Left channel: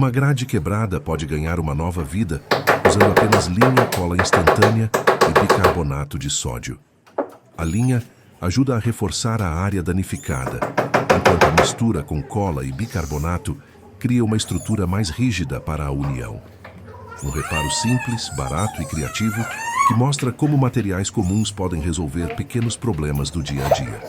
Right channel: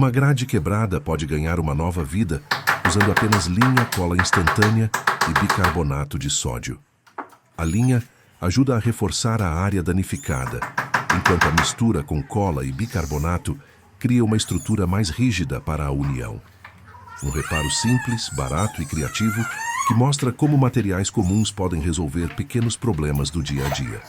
Uma grade quebrada pode ganhar uma nova vida usando apenas linha, cola instantânea e bicarbonato de sódio. A linha ajuda a reforçar a área danificada, enquanto a mistura com cola e bicarbonato cria uma estrutura mais rígida para a união. Um reparo simples, barato e criativo que mostra como materiais comuns podem resolver pequenos problemas do dia a dia.